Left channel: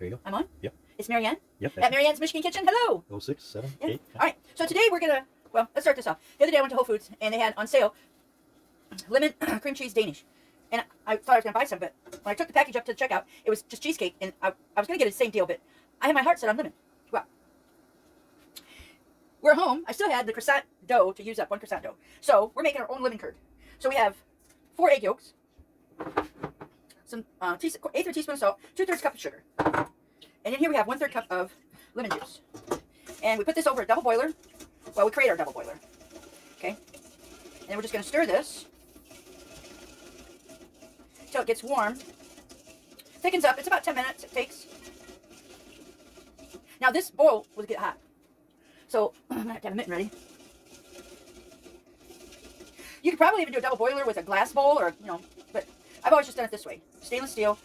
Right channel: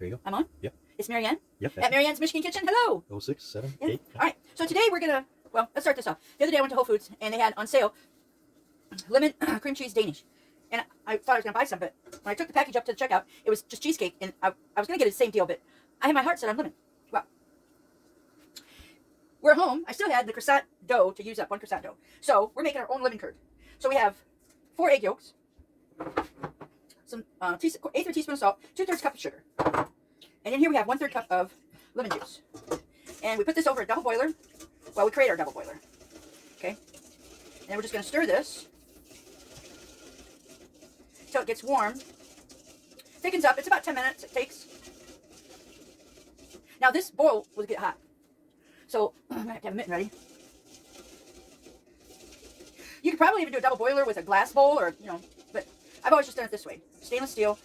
There you go. I'm on? Yep. It's Marianne? Yep. At Marianne's Michigan Kitchen. Hello. 06, 7, Yeah. 8. All right. So today we're going to, well, let's start this off. The other day I went to Whole Foods and they had on sale lemon cream cheese Danish. And I thought I was going to buy some, but when I took the package up to the checkout, it was just cheesecake. And I was going to get the same deal, but I had my heart set on lemon. Well, we're home. I still had the croissant dough to use up, one croissant dough. So we're making our own lemon curd. So we have 4 egg yolks, some eighth of a teaspoon of salt, 2/3 cup of sugar. And then here we have 1/3 cup of lemon juice. And we put this over a double boiler while we create our double boiler. Okay? And then we're just going to stir this until it gets warm. Thickens up. It's about 10 minutes it takes. Now this bowl will get hot. So I'm going to have to have a mitten ready. You could probably even do a double boiler with a glass bowl or, you know, but I've always just done it this way. Stainless steel.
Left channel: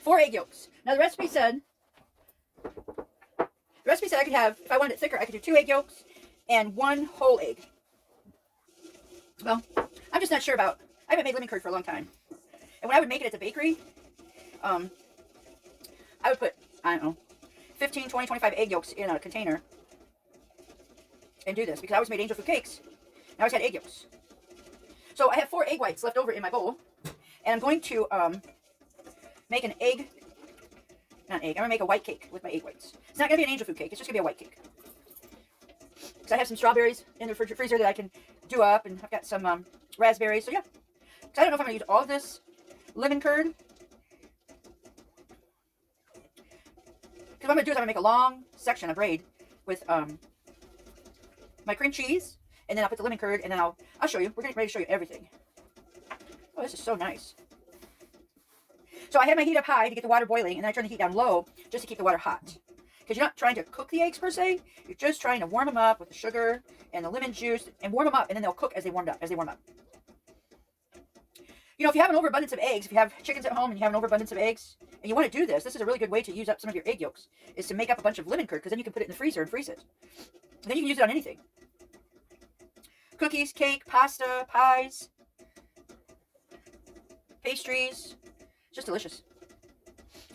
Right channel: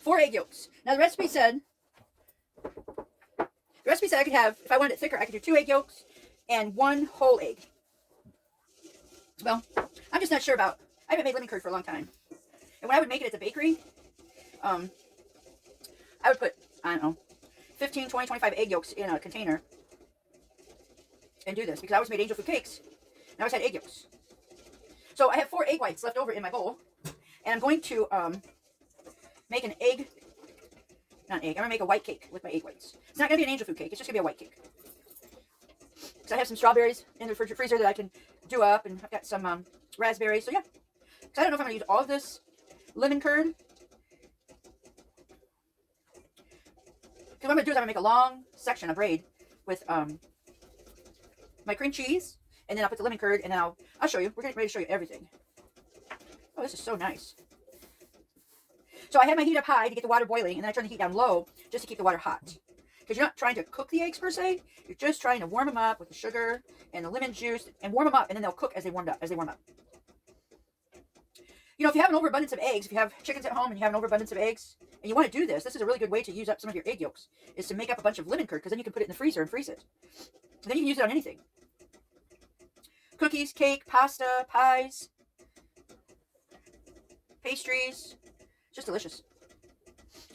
Four egg yolks. Now the recipe said I could have, if I wanted it thicker, I could do 2 egg yolks and 1 whole egg. Well, I'm just not sure about, I haven't made lemon curd for a long time. And when I would make it at the bakery, I would put, I don't know, 15, 20, 25 egg yolks in a container and do this because I always made angel food cakes and I always had egg yolks. So I have 4 egg whites left over in my bowl and I'm going to make an egg, not egg, I'm going to make a white cake with my egg whites. It's not going to be an angel food cake, it's just going to be a white cake. Because I have some strawberries in the freezer that I can do up and I've got some raspberries, so yeah. So I don't know if I'm going to use all of this lemon curd. What I'm going to do is I'm going to make a long section of braid with my cream cheese, and then I'll put the lemon curd, and then I'll show you. We're getting ready to show you everything. Oh, this is so nice. So I had my heat up high to get the water boiling, and then I turned the heat down low just to keep the water hot. Because you're not trying to cook the eggs per se, you're just trying to warm them up with the sugar and the lemon juice, and warm them up, and then they'll cook as they warm up. You know, if you have an overabundance of eggs, if you have chickens at home and you have an overabundance of eggs, and you want to do this, this is a really good way to use up some of your egg yolks, is to make up a bunch of lemon curd, because then you can put it in the freezer and freeze it. And then you can use it on anything. Cookies, cake, pasta, pies, pastries. It's just delicious.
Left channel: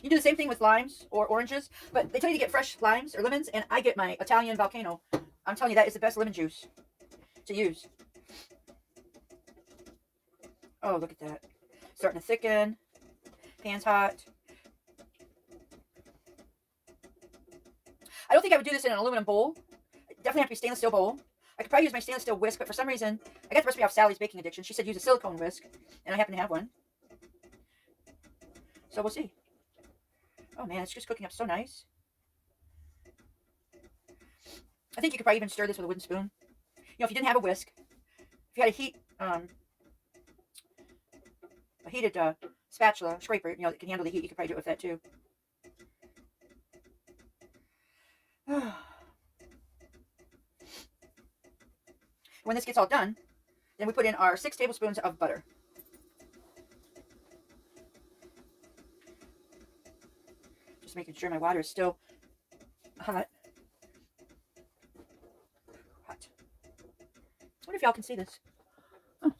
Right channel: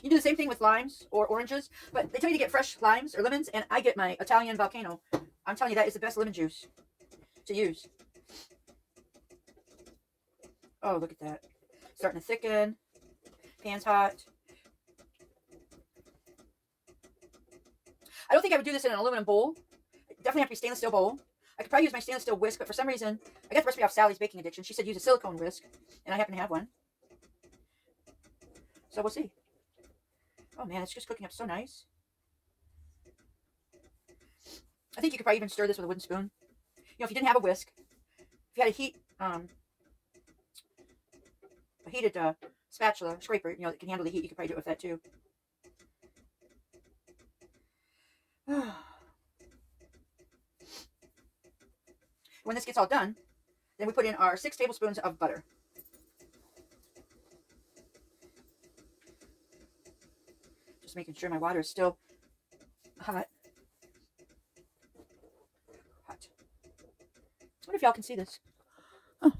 You do the same thing with limes or oranges, but they tell you to get fresh limes or lemons, and I get my Italian volcano. I'm telling you, that is the best lemon juice to use. Oh, look at that. Starting to thicken. Pan's hot. I don't think I would do this in an aluminum bowl. It definitely have to be a stainless steel bowl. I could probably use my stainless steel whisk, but for some reason, I got the recipe off Sally's Baking Addiction. She said use a silicone whisk, and I happen to have one. So we'll see. Oh man, it's just cooking up so nice. I think you could probably even stir this with a wooden spoon. You know, if you didn't have a whisk, if you had a heated spatula, scraper, you know, that can handle the heat, you could probably do it with that too. When this gets all done, then we put in our 6 tablespoons of butter. Just making sure my water is still hot. I wonder if y'all can see this. Oh.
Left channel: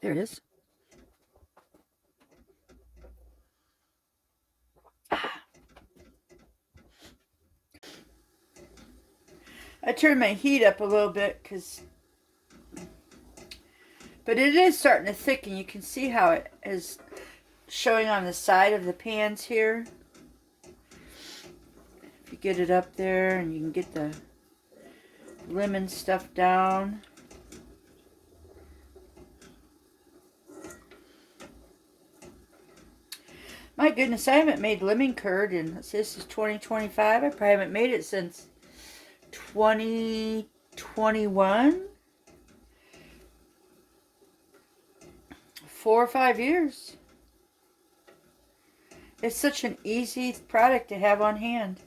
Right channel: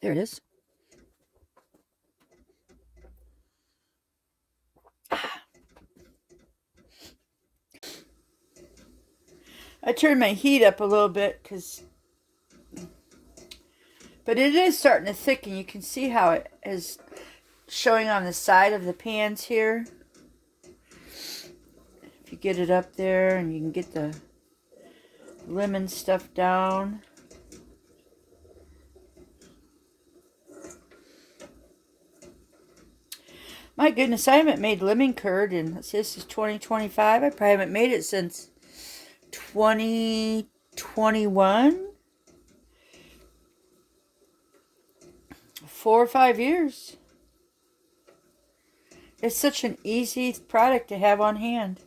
There it is. I turned my heat up a little bit but it is starting to thicken. You can see how it is showing on the side of the pans here. If you get it up there and you can get the lemon stuff down. My goodness, I haven't made lemon curd in, this is 2025. I probably haven't made it since 2021. 4 or 5 years. It's such an easy product to have on hand.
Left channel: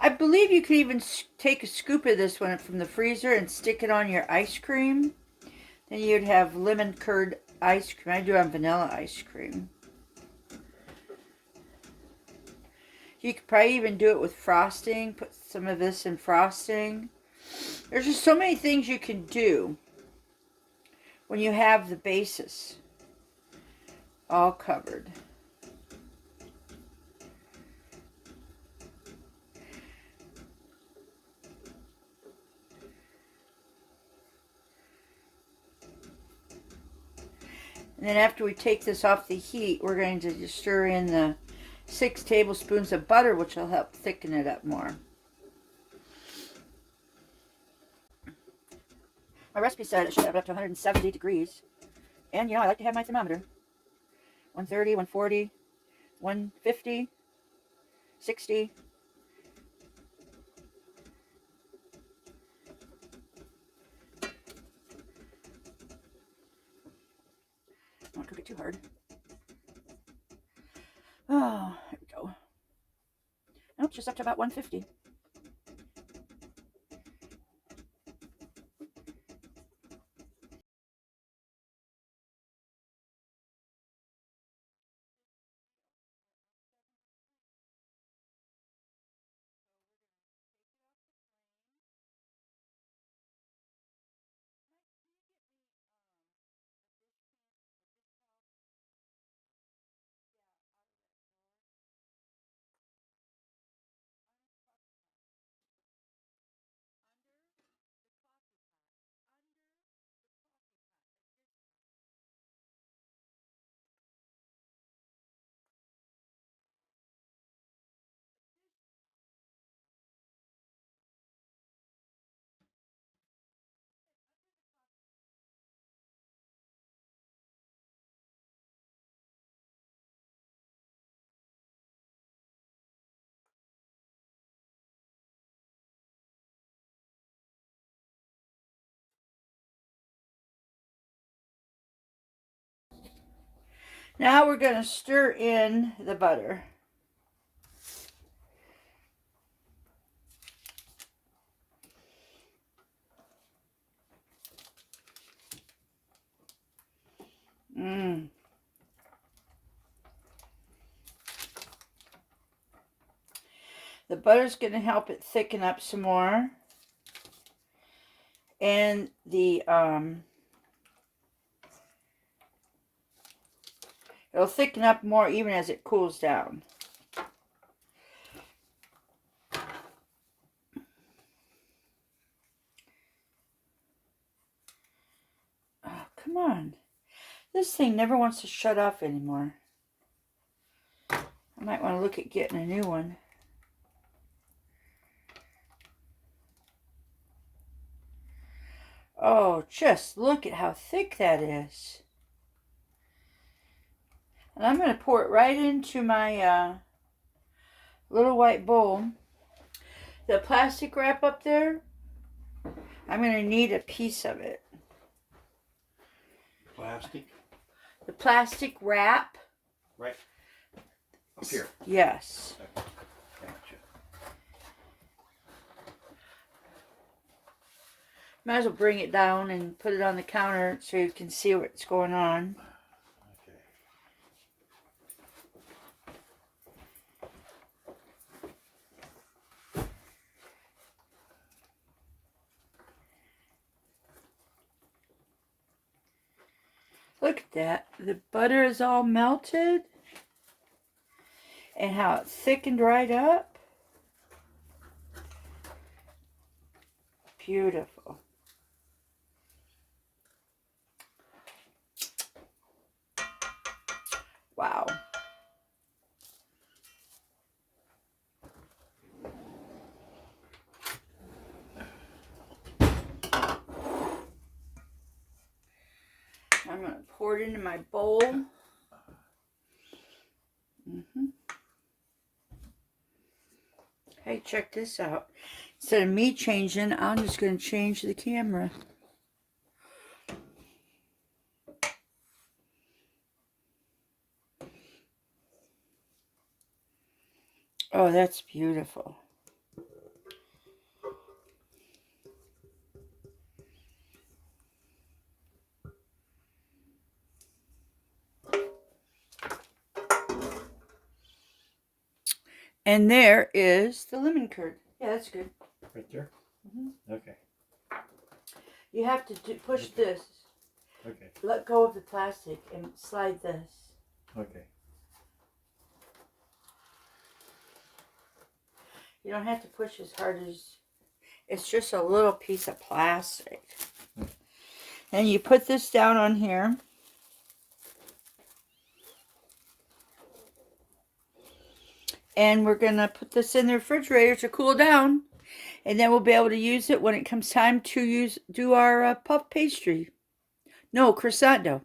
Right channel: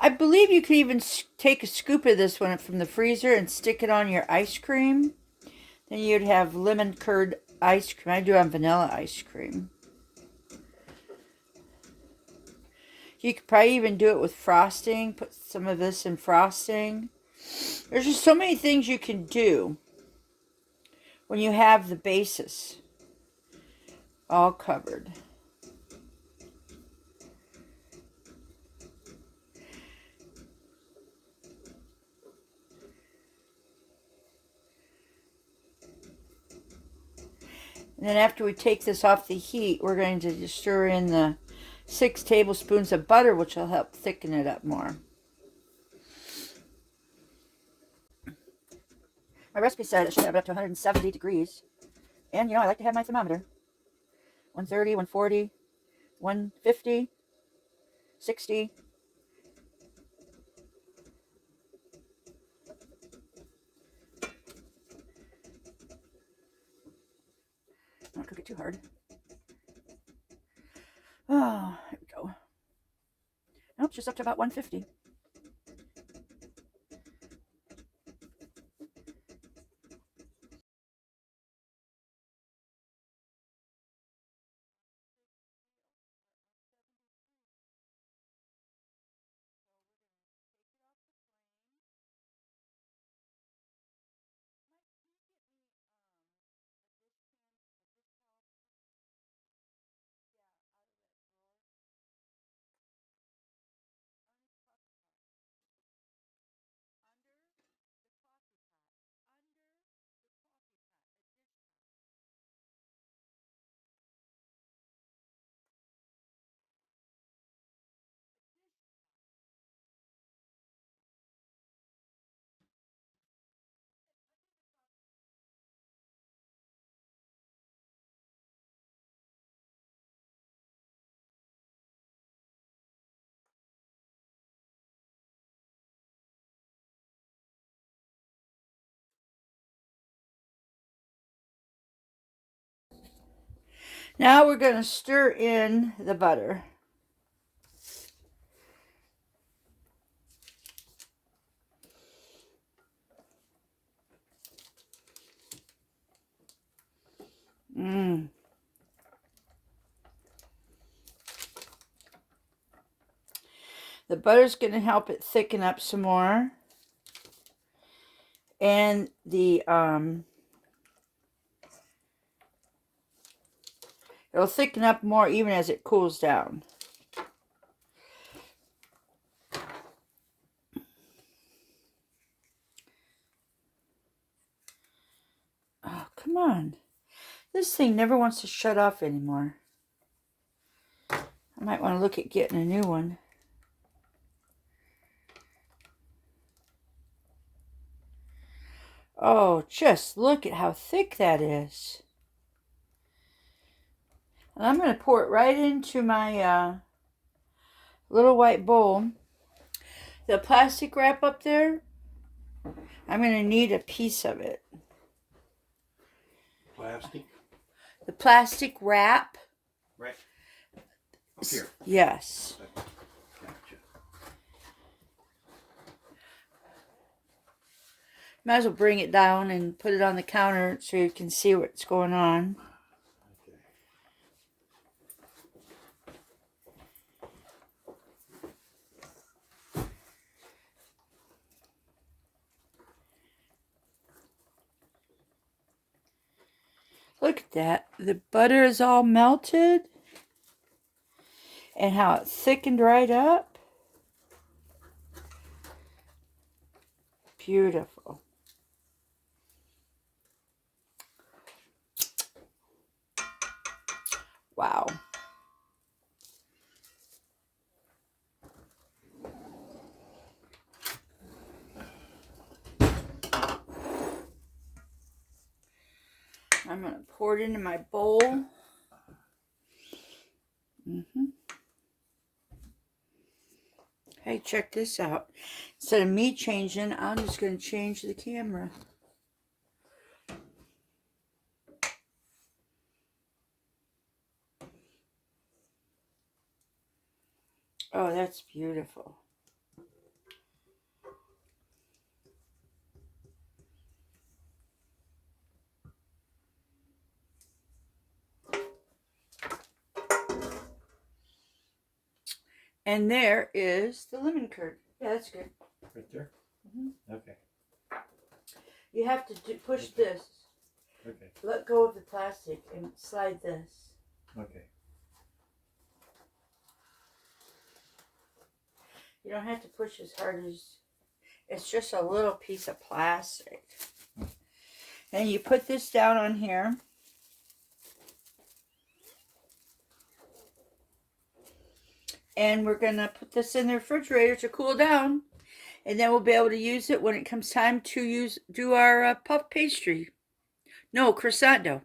I believe you could even take a scoop of this one from the freezer and stick it on your ice cream. Then you'd have lemon curd ice cream. I do have vanilla ice cream. You could probably even do it with frosting. Put some of this in frosting. There's just so many things you can do when you have the bases all covered. And then after we take this off the heat, we're going to just stir in the 6 tablespoons of butter, which will help thicken it up more. My recipe said it should have it up to 170 degrees. And, you know, I like to have my thermometer. 130, 140, 150, 60. Don't cook it too hard. Oh, there we go. No, it's just up to about 150. Now we're going to stir in the butter. The butter's going to help it thicken up some more. And the it'll thicken up more even as it cools down. Oh, come on. This thing never wants to shut off anymore. I might want to look at getting a new one. Oh, just look at how thick that is. And I'm going to pour it right into my little white bowl. The plastic wrap up there, I'm going to need a piece of it. Plastic? The plastic wrap. Right. Up here. Yes. Gotcha. Might as well bring it down and put it on the counter so you can see what's going on. Okay. Look at that. The butter is all melted. And how it thickened right up. Beautiful. Wow. I'm going to pour it into my bowl. Hey, check this out. Instead of me changing, I'm just going to change the camera. Oh, that's beautiful. And there is the lemon curd. Yeah, that's good. Right there? Okay. You have to push this. Okay. Let go of the plastic and slide this. Okay. You don't have to push as hard as... It's just a little piece of plastic. And you put this down on here. And we're going to put this in the refrigerator to cool down. And then we'll be able to use it when it comes time to do our puff pastry. No, croissant dough.